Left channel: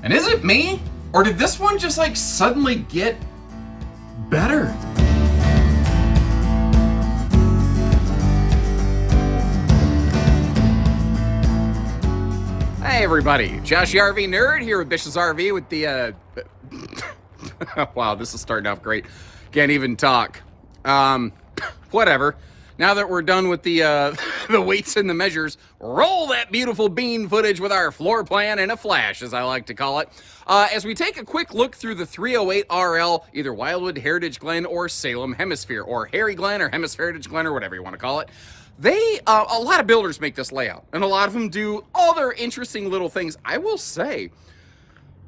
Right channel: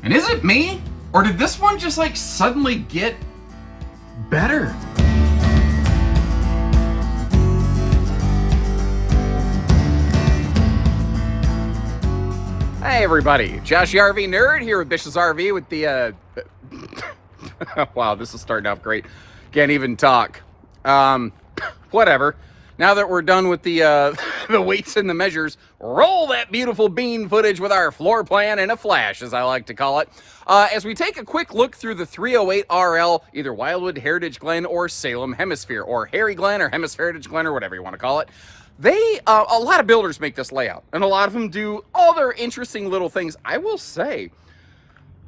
And is it me? Or did this one just like suddenly get better? Hey everybody, Josh the RV Nerd here with Bish's RV with the, wow, this is starting off great. Can't even talk. Whatever. Now that we're done with the the weights and the measures, roll that beautiful bean footage with our floor plan in a flash, as I like to call it. As we take a quick look through the 308RL, either Wildwood, Heritage Glen, or Salem Hemipshere, or Hairy Glen, or Heritage Glen, or whatever you want to call it. A lot of builders make this layout, and a lot of them do all their interesting little things. I will say,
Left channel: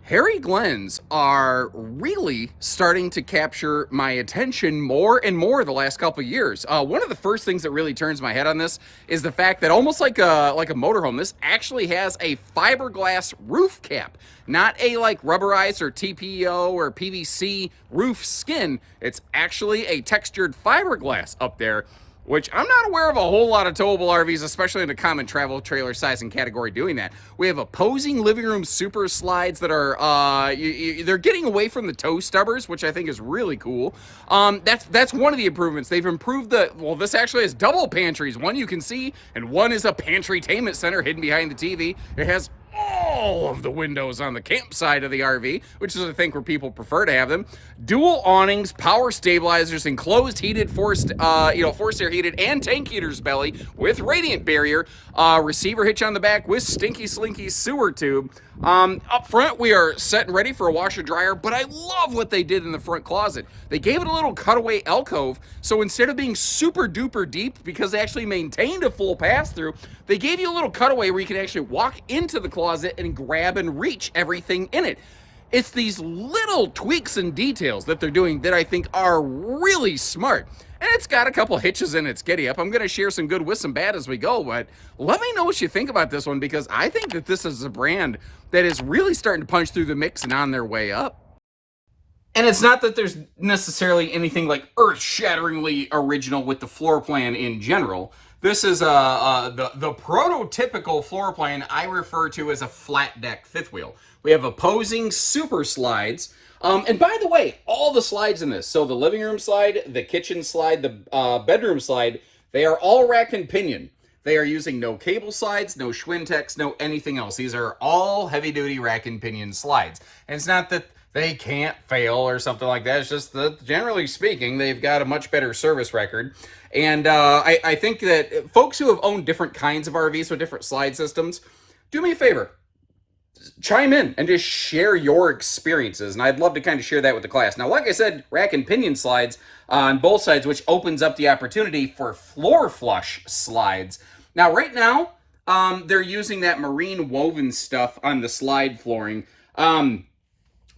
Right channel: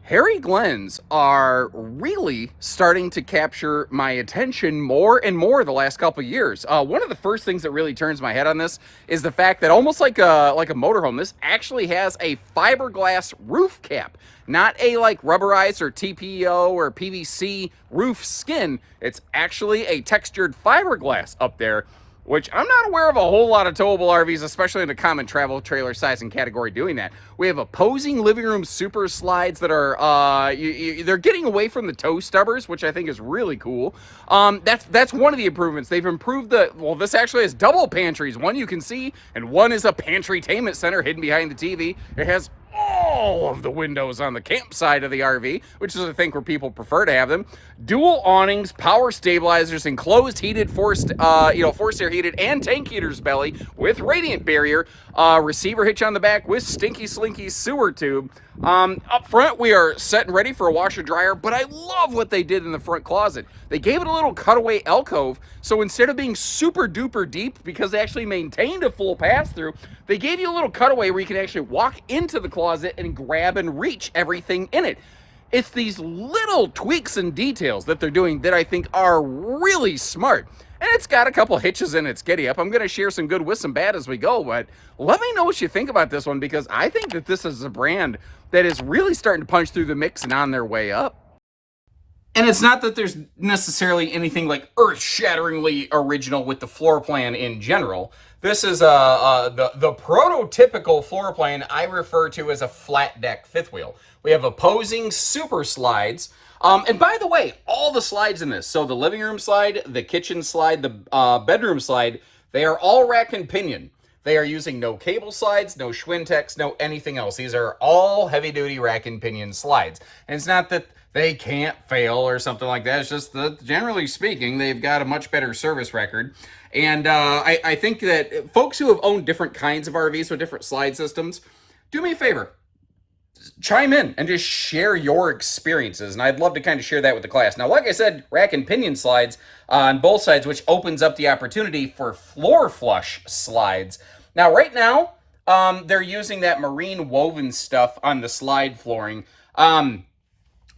Hairy Glens are really starting to capture my attention more and more the last couple of years. One of the first things that really turns my head on this is the fact that almost like a motorhome, this actually has a fiberglass roof cap, not a like rubberized or TPO or PVC roof skin. It's actually a textured fiberglass up there, which I'm not aware of a whole lot of towable RVs, especially in the common travel trailer size and category, doing that. We have opposing living room super slides that are, they're getting away from the toe stubbers, which I think is really cool. That's one of the improvements. They've improved this actually has double pantries. One you can see, and one is a pantry-tainment center hidden behind the TV. It has all of the windows on the camp side of the RV, which is I think where people prefer to have them. Dual awnings, power stabilizers, enclosed heated forced air heated and tank heaters belly with radiant barrier, receiver hitch on the back with stinky slinky sewer tube. Up front we are set and ready for a washer dryer, but I love what they did in the front closet. They gave it a little cutaway alcove, so instead of being super duper deep, because they actually maintained a full pass through, they gave you a little cutaway where you can actually walk into the closet and grab and reach everything in it. It's these little tweaks and details that they're doing that I think are really smart. And it's got a couple hitches in its giddy up. I'm going to share some good with some bad as we go, but let me know what you think about this one, because I think that this is a brand that is really starting to punch through the mix and on their way up. And it's not that there's necessarily anything like earth-shatteringly original with the floor plan in general. This is the prototypical floor plan I refer to as a flat deck fifth wheel. We have opposing super slides. And by the way, all the slides in this, so the living room slide, the kitchen slide, the bedroom slide, they are all rack and pinion. They are using no cable slides, no Schwintex, no anything else. These are all heavy-duty rack and pinion slides. And it's not that they can't fail or something like that. It's just that, generally speaking, they've got a much better service record. And I think that folks who have owned different kinds of RVs with different slide systems, do me a favor. Chime in and just share your experiences, and I'd love to kind of share that with the class. Now, like I said, rack and pinion slides on both sides, which opens up the opportunity for floor flush slides. Now, right now, they're using that marine woven stuff on the slide flooring.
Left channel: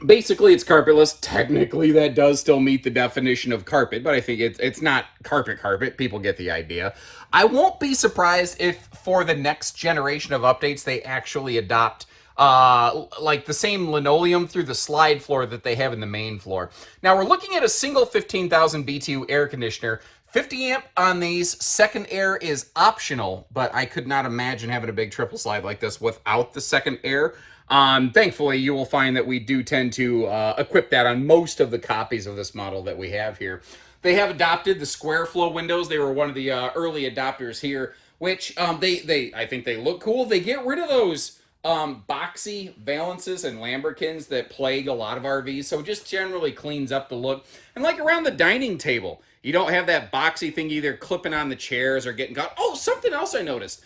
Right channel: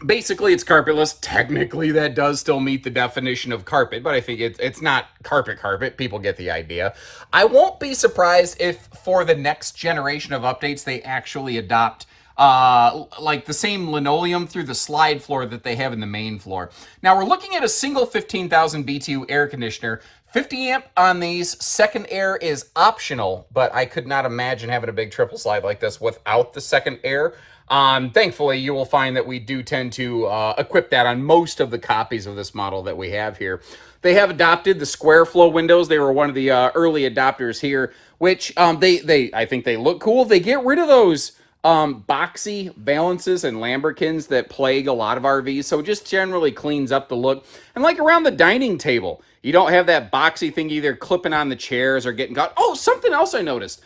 Basically, it's carpetless. Technically, that does still meet the definition of carpet, but I think it's not carpet. People get the idea. I won't be surprised if for the next generation of updates, they actually adopt like the same linoleum through the slide floor that they have in the main floor. Now we're looking at a single 15,000 BTU air conditioner. 50 amp on these. Second air is optional, but I could not imagine having a big triple slide like this without the second air. Thankfully, you will find that we do tend to equip that on most of the copies of this model that we have here. They have adopted the square flow windows. They were one of the early adopters here, which I think they look cool. They get rid of those boxy valances and lambrequins that plague a lot of RVs, so it just generally cleans up the look. And like around the dining table, you don't have that boxy thing either clipping on the chairs or getting caught. Oh, something else I noticed.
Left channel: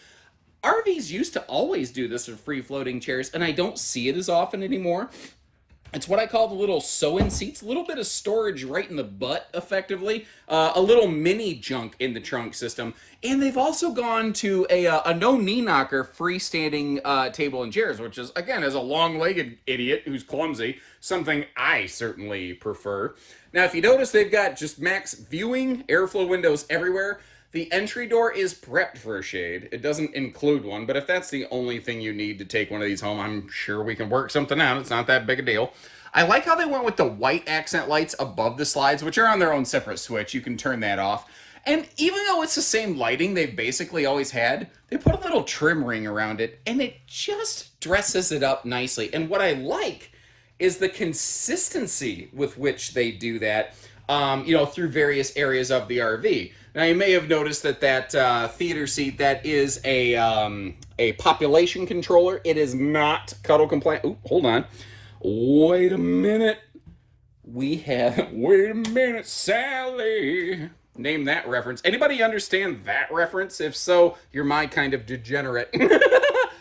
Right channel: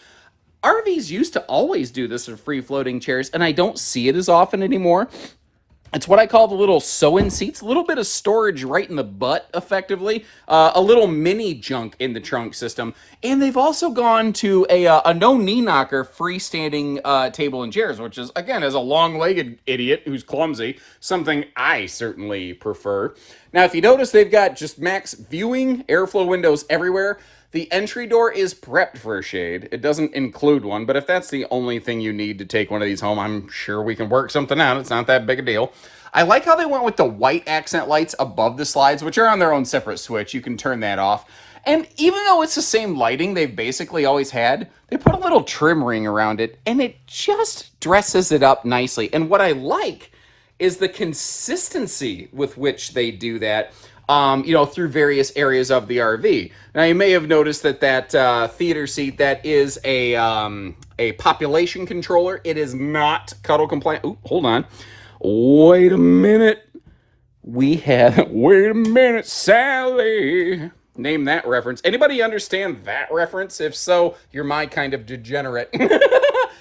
RVs used to always do this with free-floating chairs, and I don't see it as often anymore. It's what I call the little sew-in seats, a little bit of storage right in the butt, effectively, a little mini junk in the trunk system, and they've also gone to a no-knee knocker freestanding table and chairs, which is, again, as a long-legged idiot who's clumsy, something I certainly prefer. Now, if you notice, they've got just max viewing, airflow windows everywhere. The entry door is prepped for a shade. It doesn't include one, but if that's the only thing you need to take one of these home, I'm sure we can work something out. It's not that big a deal. I like how they went with the white accent lights above the slides, which are on their own separate switch. You can turn that off. And even though it's the same lighting they've basically always had, they put a little trim ring around it, and it just dresses it up nicely. And what I like is the consistency with which they do that, through various areas of the RV. Now, you may have noticed that theater seat, that is a population controller. It is not cuddle compliant. Ooh, hold on. Wait a minute. Wait a minute, Sally. Name that reference. Anybody understand that reference? If so, you're my kind of degenerate.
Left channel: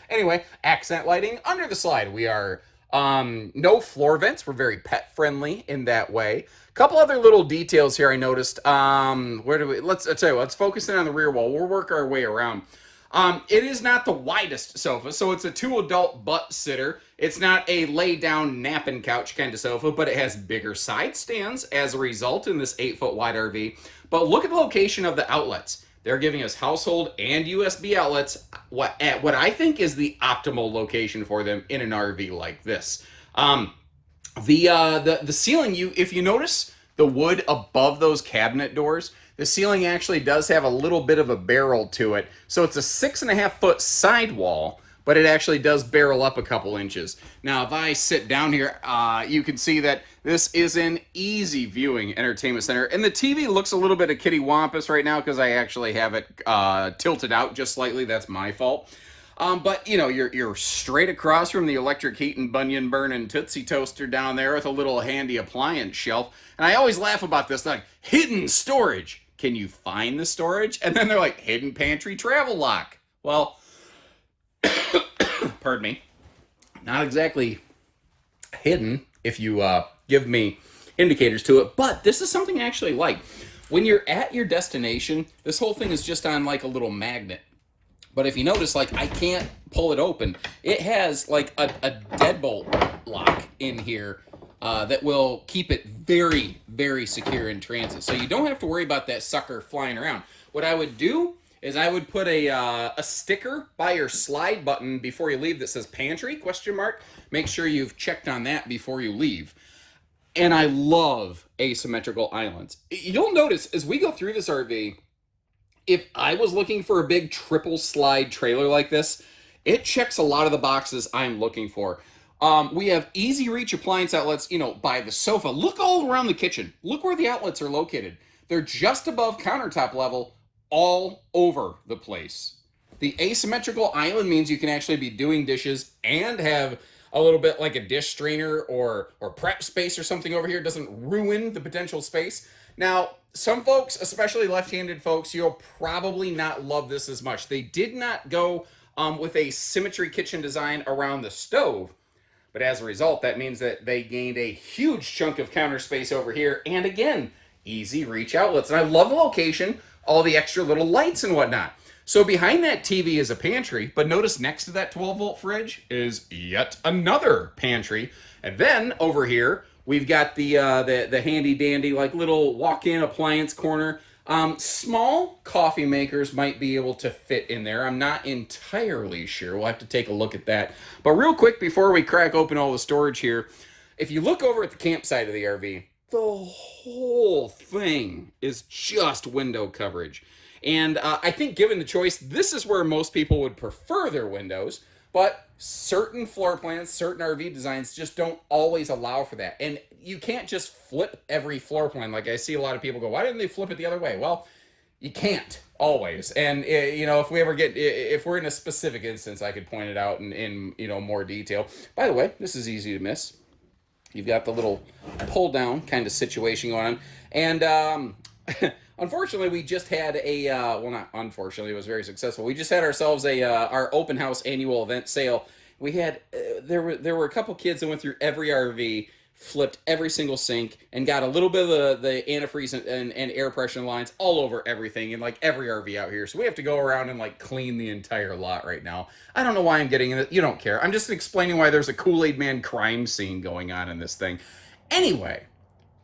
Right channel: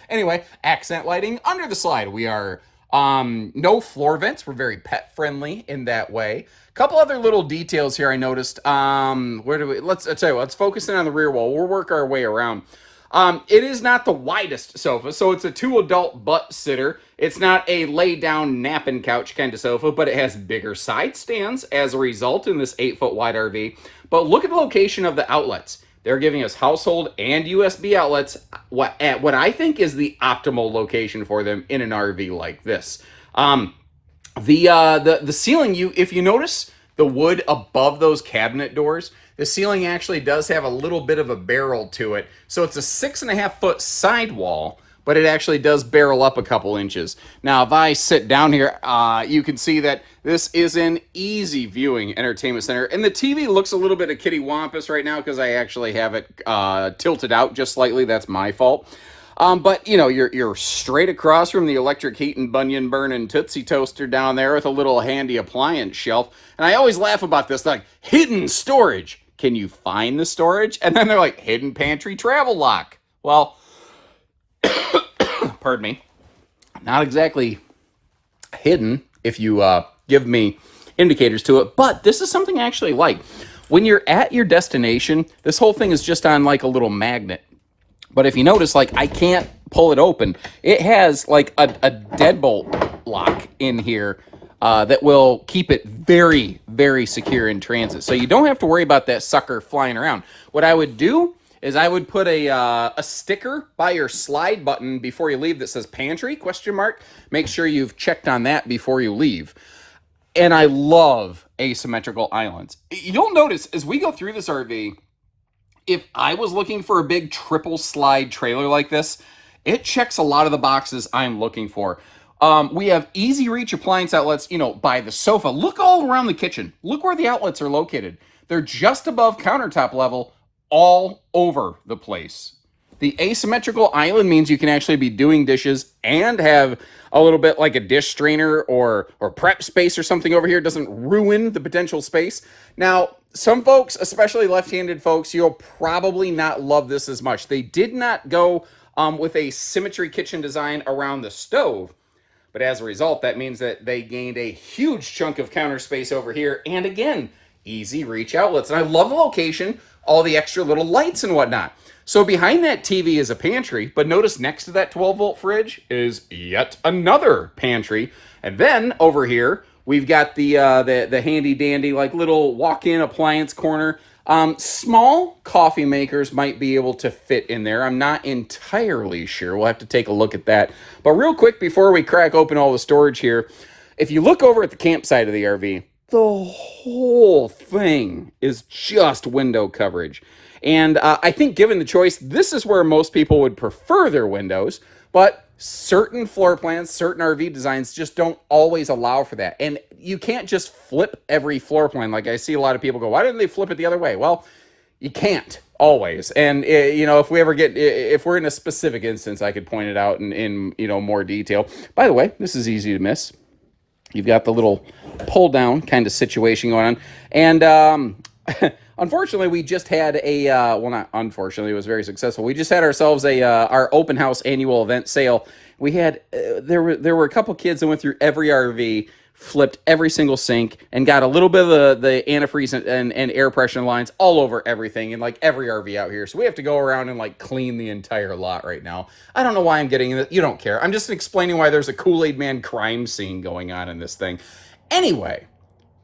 Anyway, accent lighting under the slide. We are no floor vents. We're very pet friendly in that way. A couple other little details here I noticed. Let's tell you what, let's focus in on the rear wall. We'll work our way around. It is not the widest sofa, so it's a 2 adult butt sitter. It's not a lay down napping couch kind of sofa, but it has bigger side stands as a result in this 8-foot wide RV. But look at the location of the outlets. They're giving us household and USB outlets at what I think is the optimal location for them in an RV like this. The ceiling, if you notice the wood above those cabinet doors, the ceiling actually does have a little bit of a barrel to it. So it's a 6.5-foot sidewall, but it actually does barrel up a couple inches. Now, if I sit down here, you can see that this is an easy viewing entertainment center. And the TV looks a little bit of kitty wampus right now because I actually have it tilted out just slightly. That's my fault. But you're straight across from the electric heat and bunion burning Tootsie Toaster down there with a little handy appliance shelf. And I always laugh about this, like, hidden storage. Can you find the storage? And then they're like, hidden pantry travel lock. Well, pardon me, not exactly hidden if you give me indicators to it, but this is something I actually like. When you're at your destination, this whole thing is just on like a little magnet. But if you notice, like, I can't pull it open. It has like a deadbolt lock in here that will keep it very, very secure in transit. So you don't have to worry about that sucker flying around. What I would do is I would put a sticker by your slide button before you leave that says pantry, ? Make sure you've checked on that before you leave. And I love asymmetrical islands. You'll notice as we go through this RV, if I was looking for a big triple slide trailer like this, it checks a lot of the boxes I'm looking for. We have easy reach appliance outlets, by the sofa. Look all around the kitchen. Look where the outlets are located. They're just above countertop level all over the place. The asymmetrical island means you can actually be doing dishes and have a little bit like a dish strainer or prep space or something over here. It doesn't ruin the potential space. Now, some folks, especially left-handed folks, you'll probably not love this as much. They did not go with a symmetry kitchen design around the stove. But as a result, that means that they gained a huge chunk of counter space over here. And again, easy reach outlets. And I love the location, all the extra little lights and whatnot. So behind that TV is a pantry, but notice next to that 12-volt fridge is yet another pantry. And then over here, we've got the handy dandy, like, little walk-in appliance corner. Small coffee makers might be able to fit in there. I'm not entirely sure. We'll have to take a look at that. But real quick, before we crack open all the storage here, if you look over at the campsite of the RV, the whole thing is just window coverage. And I think given the choice, this is where most people would prefer their windows, but certain floor plans, certain RV designs just don't always allow for that. And you can't just flip every floor plan. Like, I see a lot of people go, why didn't they flip it the other way? Well, you can't always. And, if we're in a specific instance, I could point it out in more detail. By the way, this is easy to miss. You've got the little pull down kind of situation going on. And, unfortunately, we just had not unfortunately, it was very successful. We just had ourselves our open house annual event sale. We had, there were a couple kids that went through every RV, flipped every single sink, and got a little bit of the antifreeze and air pressure lines all over everything in like every RV out here. So we have to go around and like clean the entire lot right now. I don't know why I'm getting it. You don't care. I'm just explaining why there's a Kool-Aid Man crime scene going on in this thing. Anyway,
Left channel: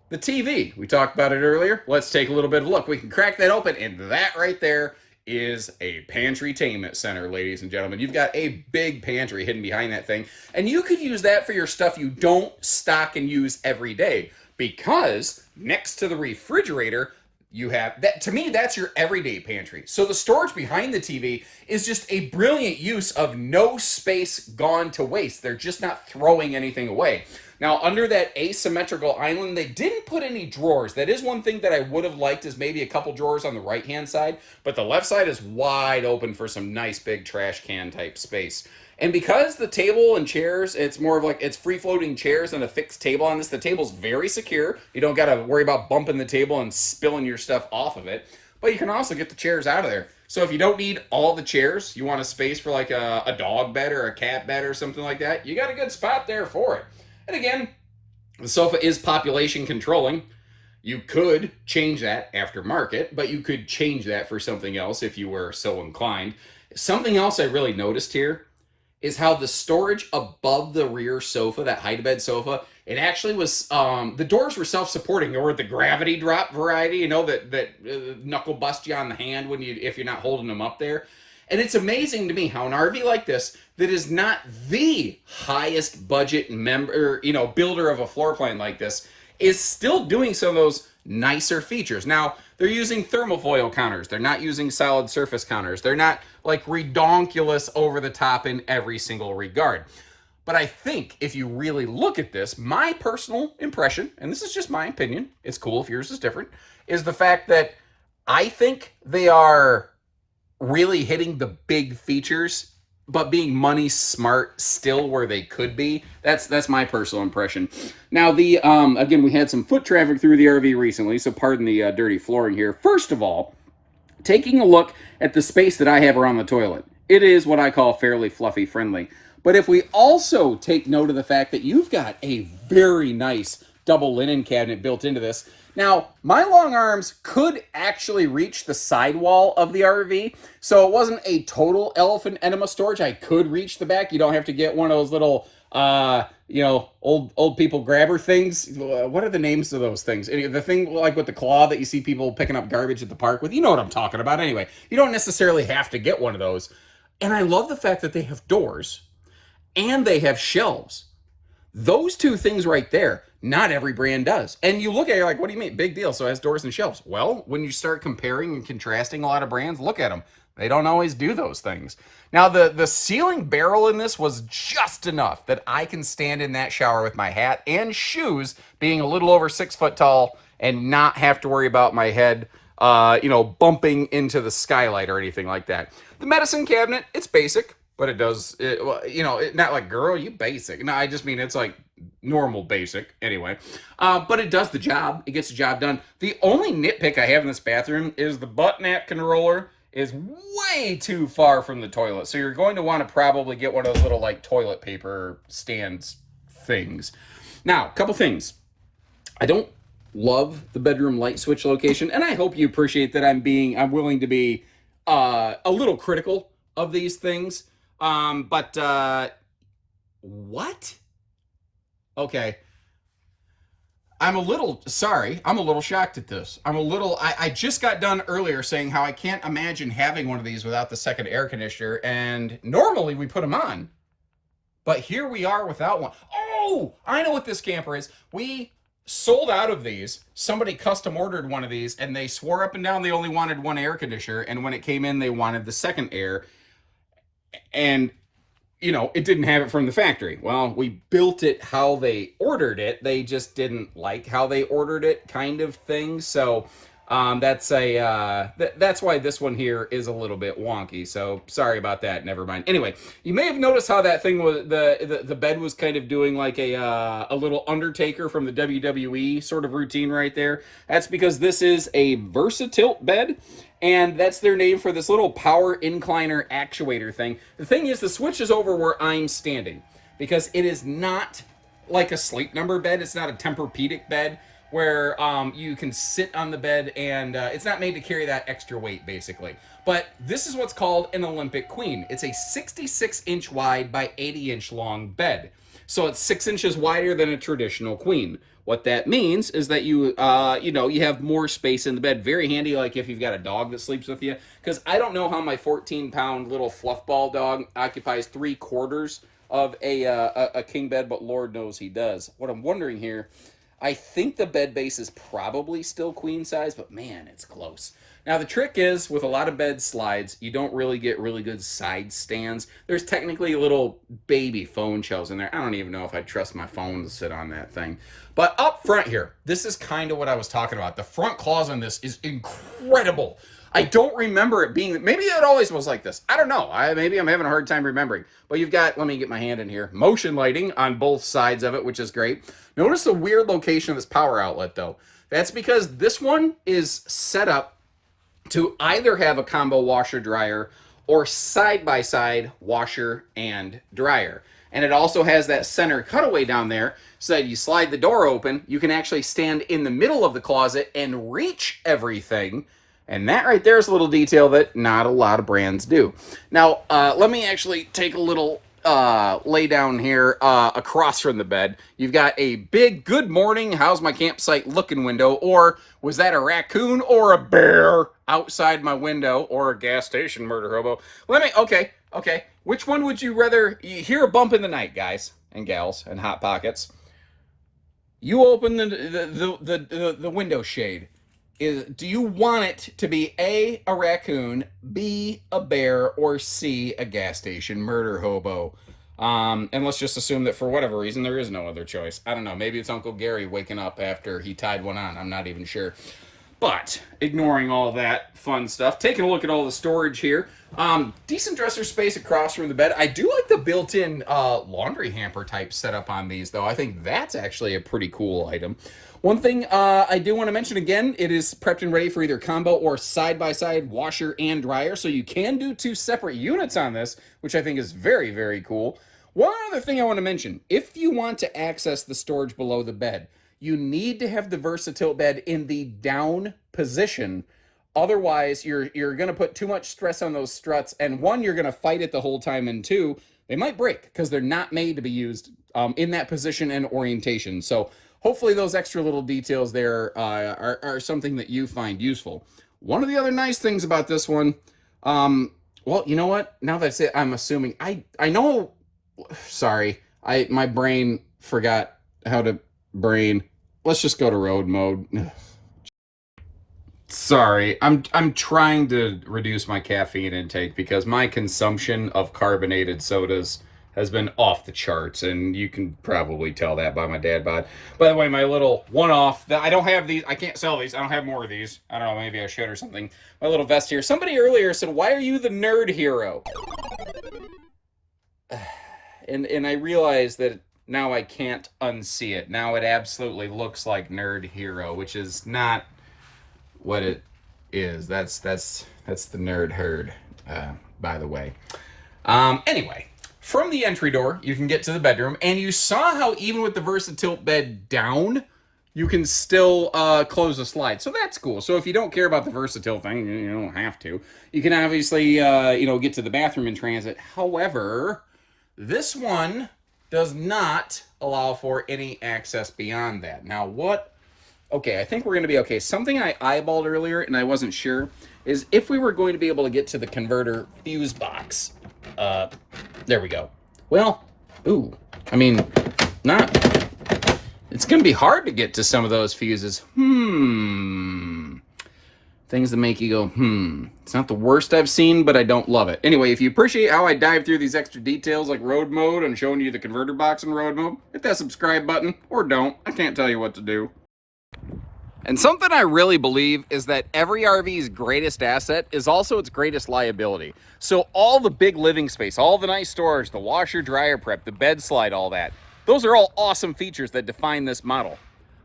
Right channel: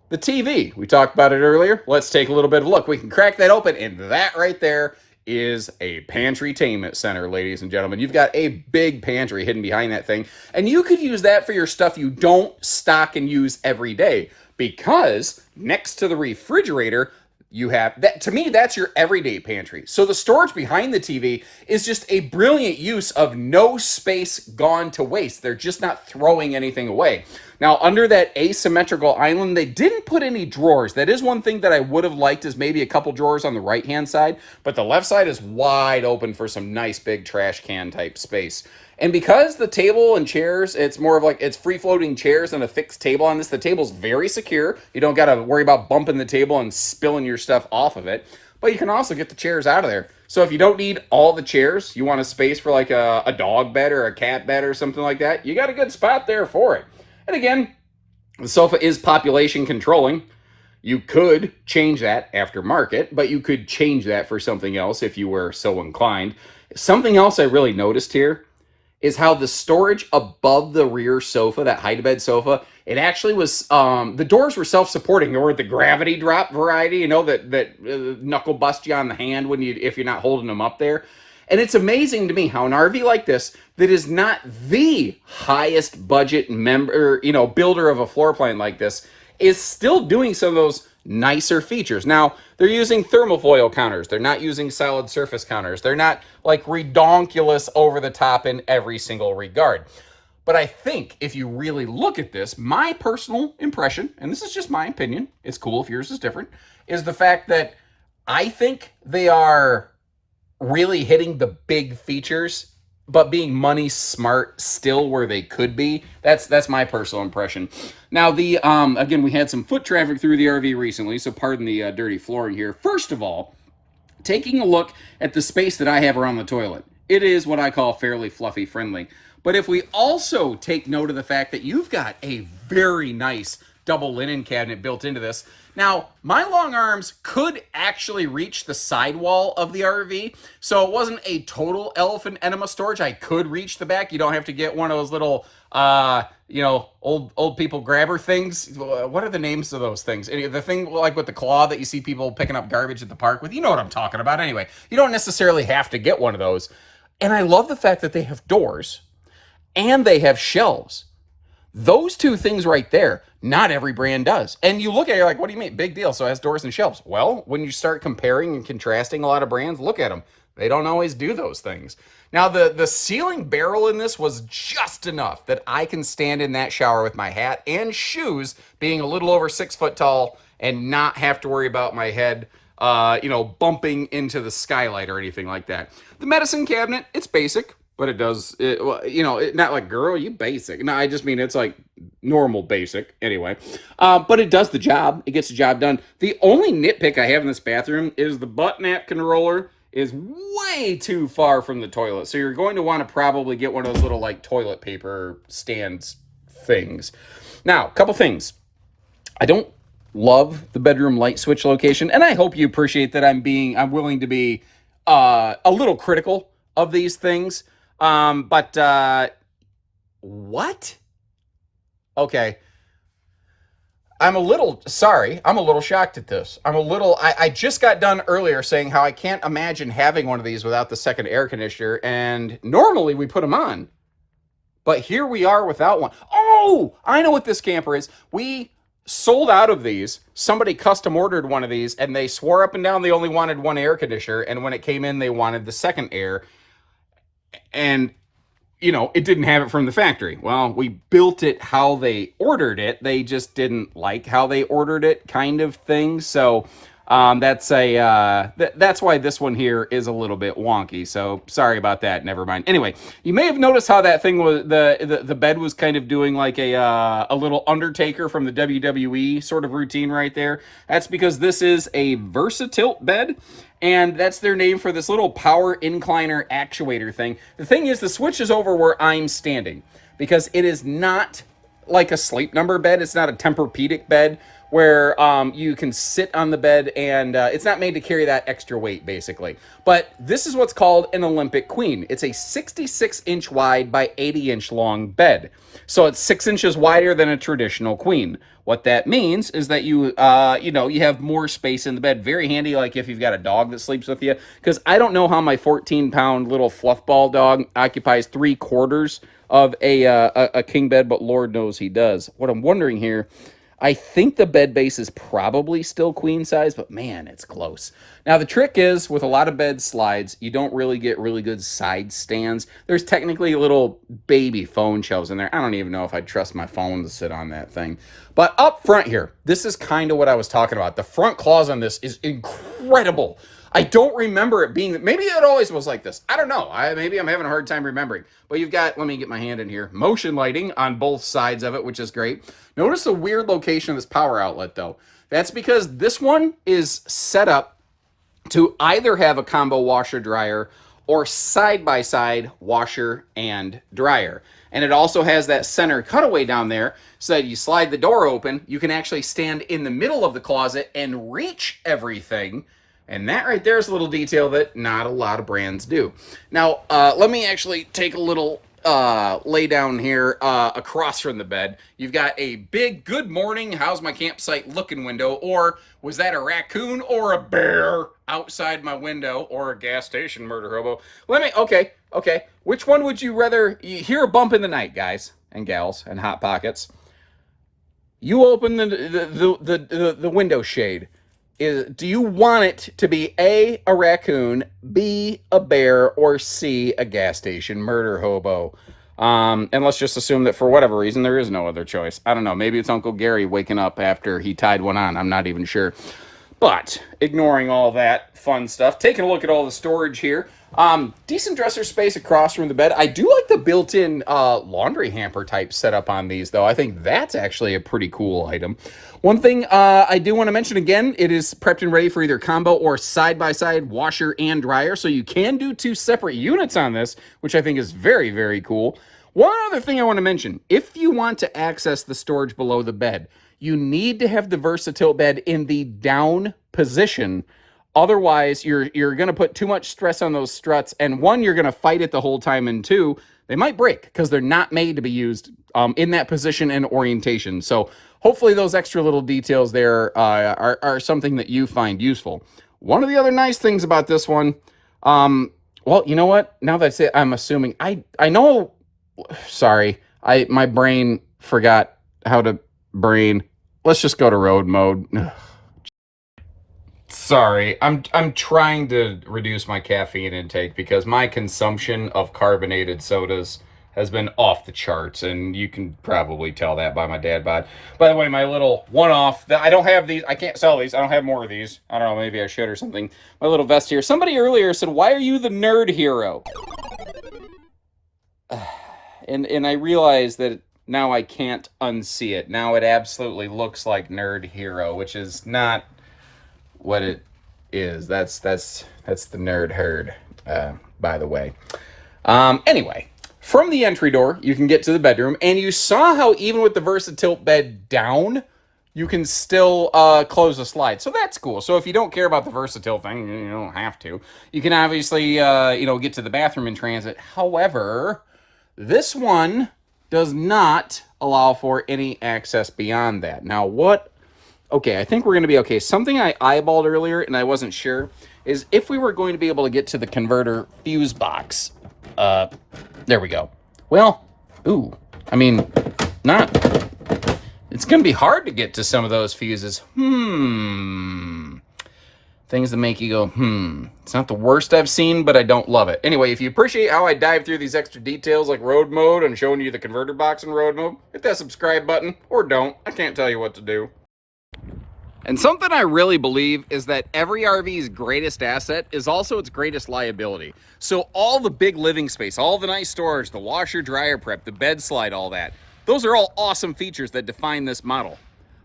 the TV, we talked about it earlier. Let's take a little bit of a look. We can crack that open, and that right there is a pantry-tainment center, ladies and gentlemen. You've got a big pantry hidden behind that thing, and you could use that for your stuff you don't stock and use every day, because next to the refrigerator, You have that. To me, that's your everyday pantry. So the storage behind the TV is just a brilliant use of no space gone to waste. They're just not throwing anything away. Now, under that asymmetrical island, they didn't put any drawers. That is one thing that I would have liked, is maybe a couple drawers on the right-hand side, but the left side is wide open for some nice big trash can type space. And because the table and chairs, it's more of like, it's free-floating chairs than a fixed table on this. The table's very secure. You don't got to worry about bumping the table and spilling your stuff off of it. But you can also get the chairs out of there. So if you don't need all the chairs, you want a space for like a dog bed or a cat bed or something like that, you got a good spot there for it. And again, the sofa is population controlling. You could change that aftermarket, but you could change that for something else if you were so inclined. Something else I really noticed here is how the storage above the rear sofa, that hide-to-bed sofa, it actually was, the doors were self-supporting. They were the gravity drop variety, you know, that knuckle bust you on the hand if you're not holding them up there. And it's amazing to me how an RV like this, that is not the highest budget builder of a floor plan like this, is still doing some of those nicer features. Now, they're using thermofoil counters. They're not using solid surface counters. They're not like redonkulous over the top in every single regard. But I think if you really look at this, my personal impression, and this is just my opinion, it's cool if yours is different, is the fact that I think they are really hitting the big features, but being money smart still where they could be. That's my personal impression. Now, the again, we had some foot traffic through the RV recently, so pardon the dirty flooring here. First of all, taking a look at the space that I have around the toilet, it is what I call fairly fluffy friendly. But if we also take note of the fact that you've got a very nice double linen cabinet built into this. Now, my long arms could actually reach the sidewall of the RV, so it wasn't a total elephant enema storage. I could reach the back. You don't have to get one of those little, old people grabber things. What are the names of those things? The thing like with the claw that you see people picking up garbage at the park with. You know what I'm talking about. Anyway, you don't necessarily have to get one of those. And I love the fact that they have doors and they have shelves. Those two things right there, not every brand does. And you look at it, you're like, what do you mean? Big deal. So it has doors and shelves. Well, when you start comparing and contrasting a lot of brands, look at them. They don't always do those things. Now, the ceiling barrel in this was just enough that I can stand in that shower with my hat and shoes being a little over 6 foot tall and not have to worry about my head, bumping into the skylight or anything like that. The medicine cabinet, it's basic. But it does, not like, girl, you basic. No, I just mean it's like normal basic anyway. But it does the job. It gets the job done. The only nitpick I have in this bathroom is the butt napkin roller is way too far from the toilet. So you're going to want to probably get one of those little like toilet paper stands things. Now, a couple things. I don't love the bedroom light switch location. And I hope you appreciate that I'm willing to be a little critical of these things. What? Okay. I'm a little shocked at this. I just got done earlier saying how I can't imagine having one of these without the second air conditioner, and normally we put them on. But here we are without one. Oh, I know what this camper is. We sold out of these. Somebody custom ordered one of these, and they swore up and down they only wanted one air conditioner, and when it came in, they wanted the second air. And, it didn't have it from the factory. Well, we built it how they ordered it. They just didn't like how they ordered it, kind of thing. So that's why this one here is a little bit wonky. So sorry about that. Never mind. Anyway, you may have noticed how that thing was, the bed was kind of doing like a little Undertaker from the WWE sort of routine right there. That's because this is a Versatilt bed. And that's their name for this little power incliner actuator thing. The thing is, the switch is over where I'm standing because it is not like a sleep number bed. It's not a Tempur-Pedic bed where you can sit on the bed and it's not made to carry that extra weight, basically. But this is what's called an Olympic Queen. It's a 66-inch wide by 80-inch long bed. So it's 6 inches wider than a traditional queen. What that means is that you have more space in the bed. Very handy, like if you've got a dog that sleeps with you. Because I don't know how my 14-pound little fluffball dog occupies 3/4 of a king bed, but Lord knows he does. What I'm wondering here, I think the bed base is probably still queen size, but man, it's close. Now, the trick is with a lot of bed slides, you don't really get really good side stands. There's technically little baby phone shelves in there. I don't even know if I'd trust my phone to sit on that thing. But up front here, this is kind of what I was talking about. The front claws on this is incredible. I don't remember it being, maybe it always was like this. I don't know. Maybe I'm having a hard time remembering. But you've got, let me get my hand in here, motion lighting on both sides of it, which is great. Notice the weird location of this power outlet, though. That's because this one is set up to either have a combo washer dryer or side-by-side washer and dryer. And it also has that center cutaway down there, so that you slide the door open, you can actually stand in the middle of the closet and reach everything. And that right there is a little detail that not a lot of brands do. Now, let me actually take a little lay down here across from the bed. You've got a big good morning, how's my campsite looking window, or was that a raccoon or a bear outside my window, or a gas station murder hobo? Okay. Which one would you rather? You hear a bump in the night, guys and gals and hot pockets. You open the window shade. Do you want it to be A, a raccoon, B, a bear, or C, a gas station murder hobo? And let's just assume that for whatever reason, there is no other choice. I don't know. Maybe it's Uncle Gary waking up after he tied one on. I'm not even sure. But ignoring all that fun stuff, taking a look at all the storage here. Decent dresser space across from the bed. I do like the built-in laundry hamper type setup on these, though. I think that's actually a pretty cool item. One thing I do want to mention again, it is prepped and ready for either combo or side-by-side washer and dryer, so you can do 2 separate units on this, which I think is very, very cool. One other thing I want to mention, if you want to access the storage below the bed, you need to have the Versatilt bed in the down position. Otherwise, you're going to put too much stress on those struts, and 1, you're going to fight it the whole time, and 2, they might break because they're not made to be used in that position and orientation. So hopefully those extra little details there are something that you find useful. One of the other nice things about this one, well, you know what? Now that I say it, I'm assuming, I know, sorry, my brain forgot how to brain. Let's just go to road mode. Ugh. Sorry, I'm trying to reduce my caffeine intake because my consumption of carbonated sodas has been off the charts, and you can probably tell that by my dad bod. By the way, my little one-off, I don't have these, I can't sell these, I don't have more of these. I don't know, maybe I should or something. My little vest here. Somebody earlier said, why are you the nerd hero? And I realize that now I can't unsee it. Now it absolutely looks like Nerd Hero, which is not what it is. That's the nerd herd, by the way. Anyway, from the entry door, you can get to the bedroom, and you saw how even with the Versatilt bed down, you can still close the slide. So that's cool. So if you don't care about the Versatilt thing, you don't have to. You can obviously, get to the bathroom in transit. However, this one does not allow for any access beyond that. Now, okay, I think we're going to be okay. Something I eyeballed earlier, and I wasn't sure, is if we were going to be able to get to the converter fuse box. There we go. Well, it's going to be hard to get to some of those fuses. Things that make you go, It's not the worst I've seen, but I don't love it. Anyway, if you appreciate how I dive through these extra details like road mode and showing you the converter box in road mode, hit that subscribe button, or don't. I can't tell you what to do. And something I really believe is that every RV's greatest asset is also its greatest liability. So all the big living space, all the nice storage, the washer, dryer prep, the bed slide, all that, those are all awesome features that define this model.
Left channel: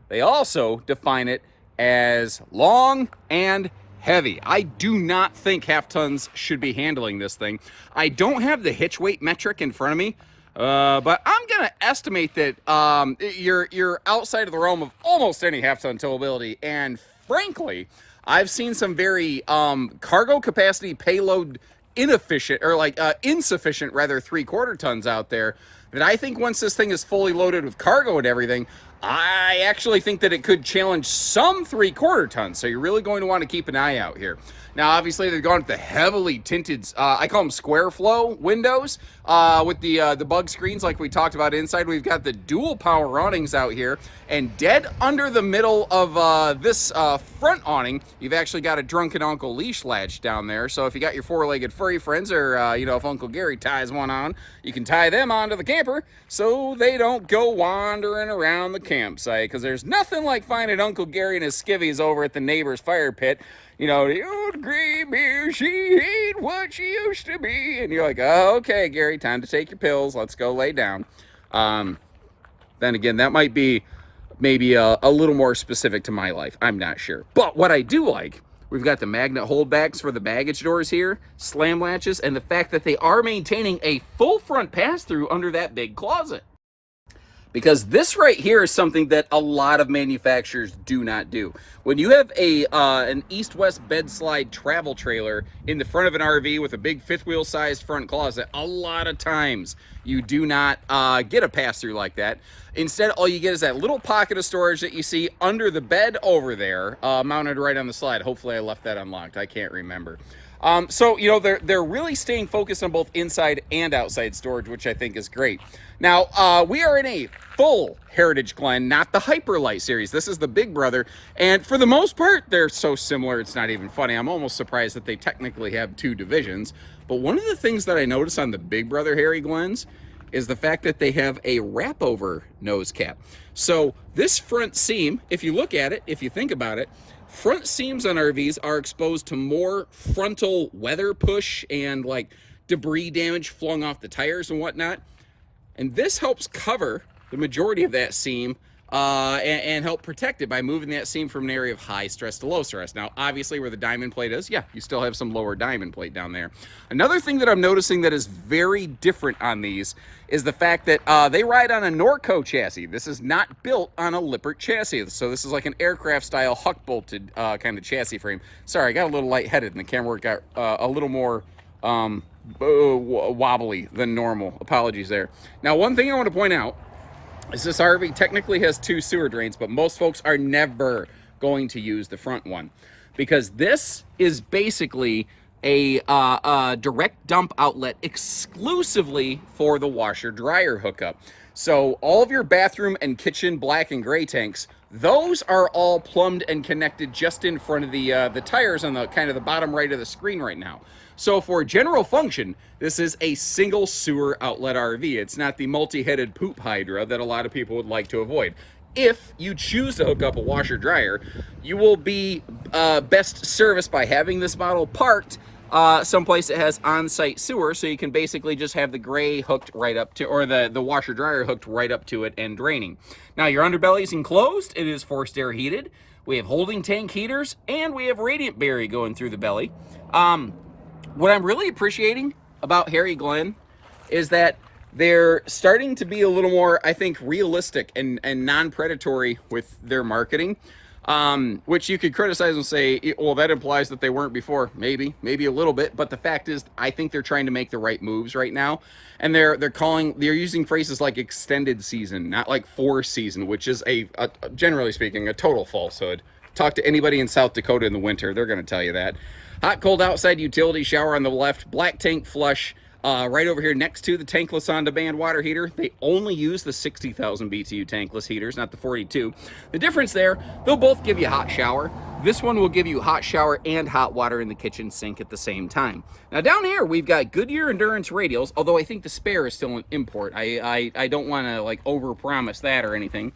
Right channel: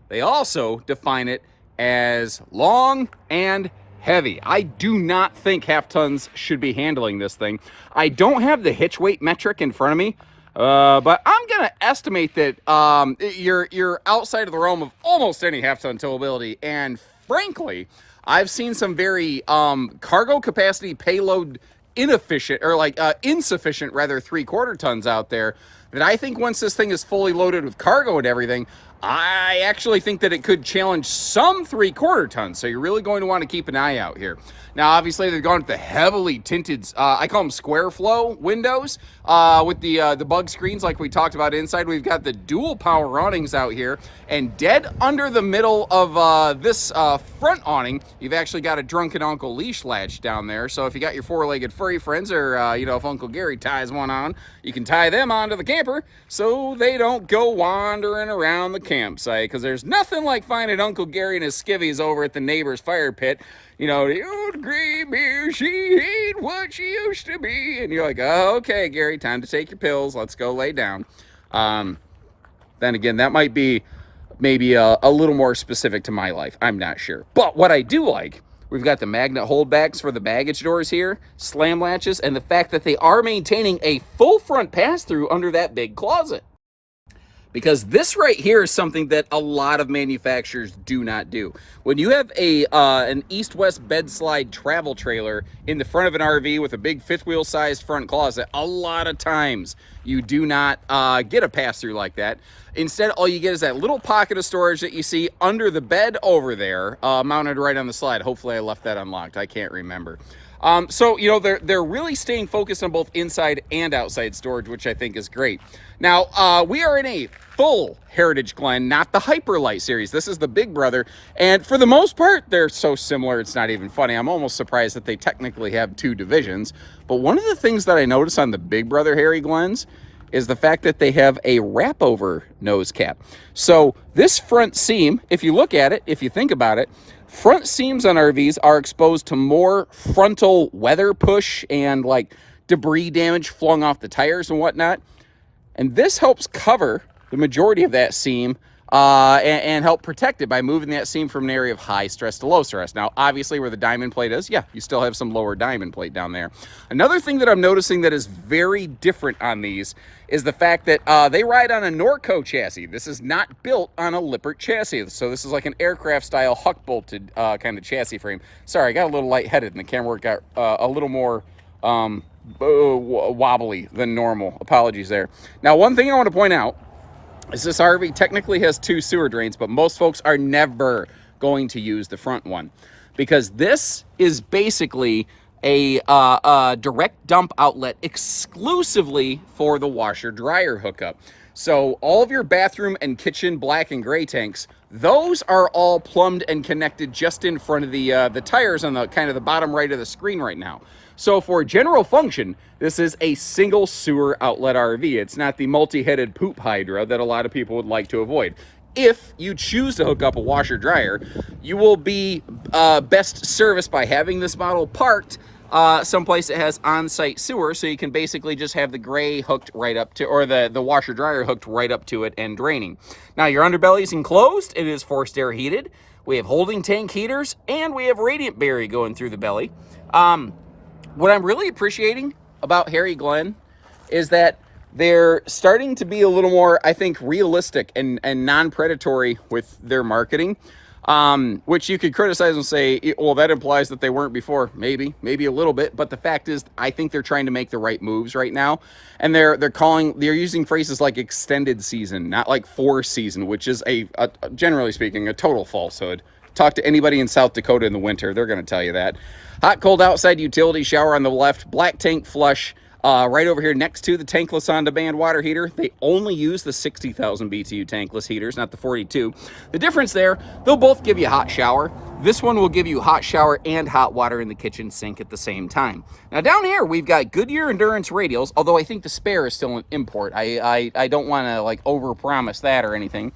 They also define it as long and heavy. I do not think half tons should be handling this thing. I don't have the hitch weight metric in front of me, but I'm gonna estimate that you're outside of the realm of almost any half ton towability. And frankly, I've seen some very cargo capacity payload insufficient 3/4 tons out there that I think once this thing is fully loaded with cargo and everything, I actually think that it could challenge some 3/4 tons. So you're really going to want to keep an eye out here. Now, obviously, they've gone with the heavily tinted, I call them square flow windows with the bug screens like we talked about inside. We've got the dual power awnings out here, and dead under the middle of this front awning, you've actually got a drunken Uncle leash latch down there. So if you got your four-legged furry friends, or if Uncle Gary ties one on, you can tie them onto the camper so they don't go wandering around the campsite, because there's nothing like finding Uncle Gary and his skivvies over at the neighbor's fire pit. The old gray mare, she ain't what she used to be. And you're like, oh, okay, Gary, time to take your pills. Let's go lay down. Then again, that might be maybe a little more specific to my life. I'm not sure. But what I do like, we've got the magnet holdbacks for the baggage doors here, slam latches, and the fact that they are maintaining a full front pass-through under that big closet. Because this right here is something that a lot of manufacturers do not do. When you have an east-west bed slide travel trailer in the front of an RV with a big fifth wheel sized front closet, a lot of times you do not get a pass-through like that. Instead, all you get is that little pocket of storage that you see under the bed over there, mounted right on the slide. Hopefully I left that unlocked. I can't remember. So they're really staying focused on both inside and outside storage, which I think is great. Now, we are in a full Heritage Glen, not the Hyperlight series. This is the big brother, and for the most part, they're so similar, it's not even funny. I'm almost surprised that they technically have two divisions. But one of the things that I noticed on the big brother Harry Glens is the fact that they have a wrap-over nose cap. So this front seam, if you look at it, if you think about it, front seams on RVs are exposed to more frontal weather push and like debris damage flung off the tires and whatnot. And this helps cover the majority of that seam and help protect it by moving that seam from an area of high stress to low stress. Now, obviously where the diamond plate is, yeah, you still have some lower diamond plate down there. Another thing that I'm noticing that is very different on these is the fact that they ride on a Norco chassis. This is not built on a Lippert chassis. So this is like an aircraft style huck bolted kind of chassis frame. Sorry, I got a little lightheaded and the camera work got a little more wobbly than normal. Apologies there. Now, one thing I want to point out is this RV technically has two sewer drains, but most folks are never going to use the front one because this is basically a direct dump outlet exclusively for the washer dryer hookup. So all of your bathroom and kitchen black and gray tanks, those are all plumbed and connected just in front of the tires on the kind of the bottom right of the screen right now. So for general function, this is a single sewer outlet RV. It's not the multi-headed poop hydra that a lot of people would like to avoid. If you choose to hook up a washer dryer, you will be best serviced by having this model parked someplace that has on-site sewer, so you can basically just have the gray hooked right up to, or the washer dryer hooked right up to it and draining. Now your underbelly is enclosed. It is forced air heated. We have holding tank heaters, and we have radiant berry going through the belly. What I'm really appreciating about Harry Glen is that they're starting to be a little more, I think, realistic and non-predatory with their marketing, which you could criticize and say, well, that implies that they weren't before. Maybe a little bit. But the fact is, I think they're trying to make the right moves right now. And they're using phrases like extended season, not like 4 season, which is generally speaking, a total falsehood. Talk to anybody in South Dakota in the winter. They're going to tell you that. Hot, cold outside utility shower on the left, black tank flush right over here next to the tankless on-demand water heater. They only use the 60,000 BTU tankless heaters, not the 42. The difference there, they'll both give you a hot shower. This one will give you hot shower and hot water in the kitchen sink at the same time. Now down here, we've got Goodyear Endurance radials, although I think the spare is still an import. I don't want to like overpromise that or anything.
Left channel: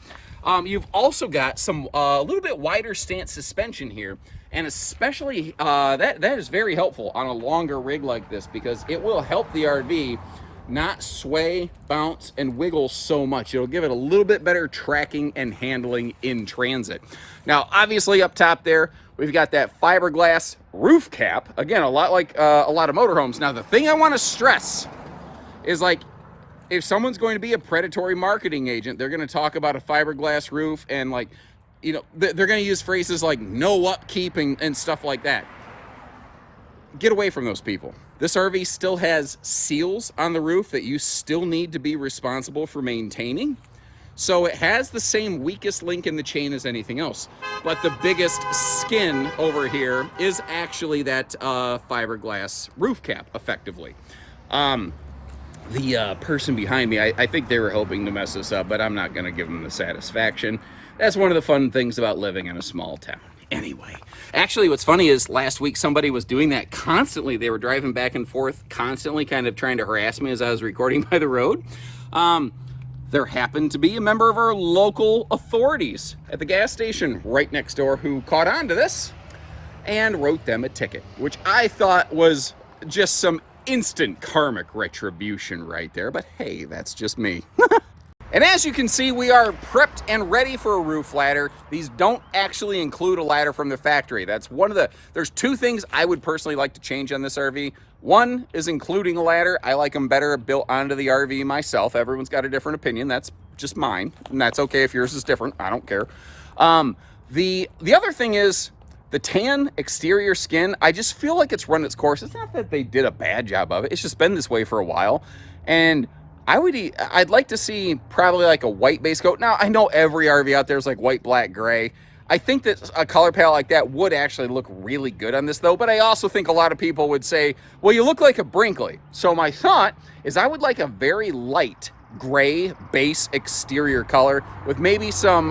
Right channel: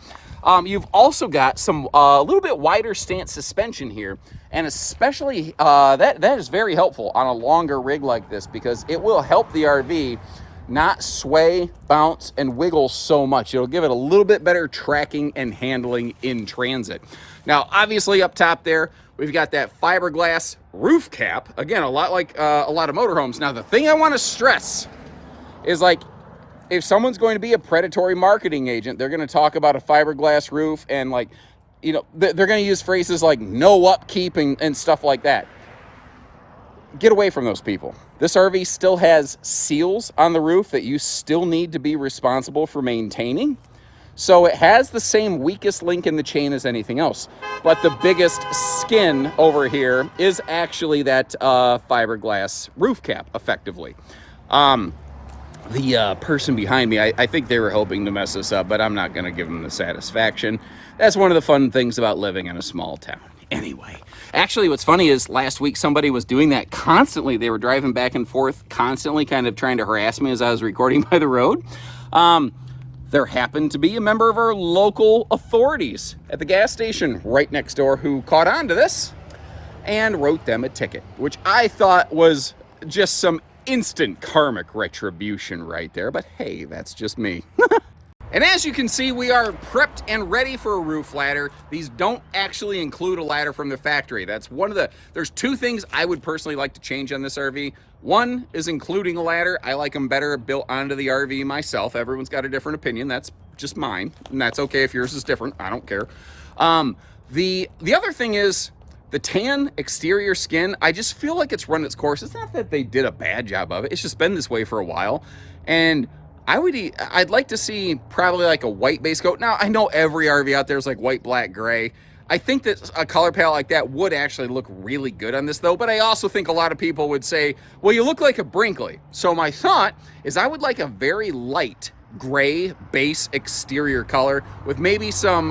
You've also got some a little bit wider stance suspension here. And especially, that is very helpful on a longer rig like this because it will help the RV not sway, bounce, and wiggle so much. It'll give it a little bit better tracking and handling in transit. Now, obviously up top there, we've got that fiberglass roof cap. Again, a lot like a lot of motorhomes. Now, the thing I want to stress is like, if someone's going to be a predatory marketing agent, they're going to talk about a fiberglass roof and like, they're going to use phrases like no upkeep and stuff like that. Get away from those people. This RV still has seals on the roof that you still need to be responsible for maintaining. So it has the same weakest link in the chain as anything else. But the biggest skin over here is actually that fiberglass roof cap, effectively. The person behind me, I think they were hoping to mess this up, but I'm not going to give them the satisfaction. That's one of the fun things about living in a small town. Anyway, actually, what's funny is last week somebody was doing that constantly. They were driving back and forth constantly, kind of trying to harass me as I was recording by the road. There happened to be a member of our local authorities at the gas station right next door who caught on to this and wrote them a ticket, which I thought was just some instant karmic retribution right there. But hey, that's just me. And as you can see, we are prepped and ready for a roof ladder. These don't actually include a ladder from the factory. That's one of the, there's two things I would personally like to change on this RV. One is including a ladder. I like them better built onto the RV myself. Everyone's got a different opinion. That's just mine. And that's okay if yours is different. I don't care. The other thing is the tan exterior skin. I just feel like it's run its course. It's not that they did a bad job of it. It's just been this way for a while. And I'd like to see probably like a white base coat. Now, I know every RV out there is like white, black, gray. I think that a color palette like that would actually look really good on this though, but I also think a lot of people would say, well, you look like a Brinkley. So my thought is I would like a very light gray base exterior color with maybe some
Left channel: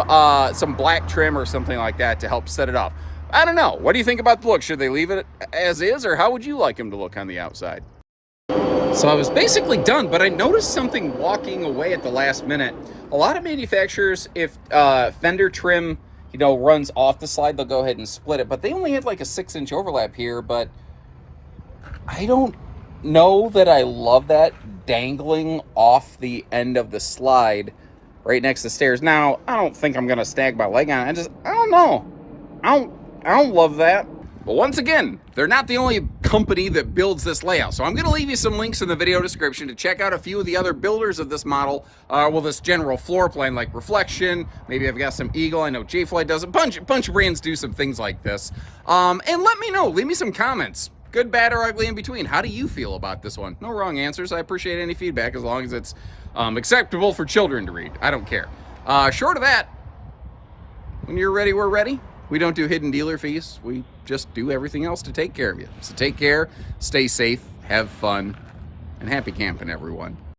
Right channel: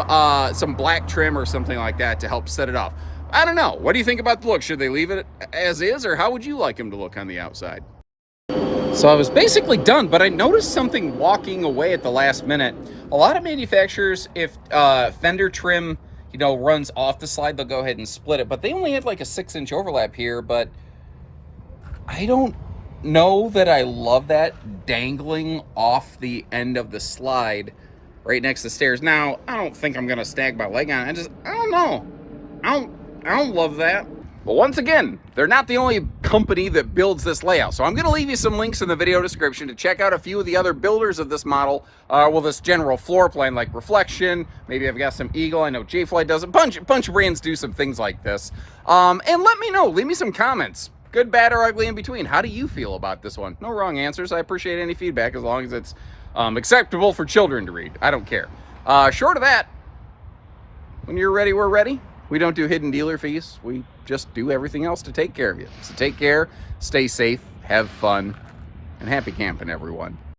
black trim or something like that to help set it off. I don't know. What do you think about the look? Should they leave it as is, or how would you like them to look on the outside? So I was basically done, but I noticed something walking away at the last minute. A lot of manufacturers, if fender trim, runs off the slide, they'll go ahead and split it. But they only had like a 6-inch overlap here, but I don't know that I love that dangling off the end of the slide right next to the stairs. Now, I don't think I'm gonna snag my leg on it. I don't know. I don't love that. But once again, they're not the only company that builds this layout. So I'm going to leave you some links in the video description to check out a few of the other builders of this model. This general floor plan, like Reflection. Maybe I've got some Eagle. I know J-Fly does a bunch of brands do some things like this. And let me know. Leave me some comments. Good, bad, or ugly in between. How do you feel about this one? No wrong answers. I appreciate any feedback as long as it's acceptable for children to read. I don't care. Short of that, when you're ready, we're ready. We don't do hidden dealer fees. We just do everything else to take care of you. So take care, stay safe, have fun, and happy camping, everyone.